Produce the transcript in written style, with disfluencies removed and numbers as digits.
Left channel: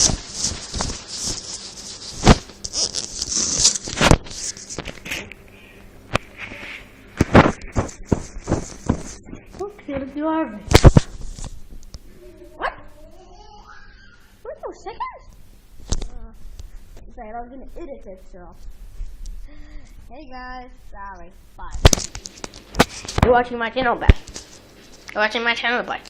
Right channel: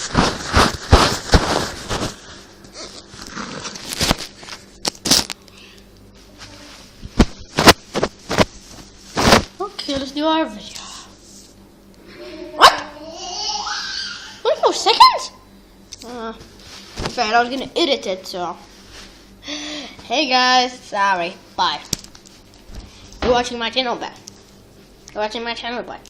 Okay, let's do our video. What? 24 seconds? Fair, I was gonna edit it, so. Hey guys, sorry. Bye. You're watching my channel, bye. You're watching my channel, bye.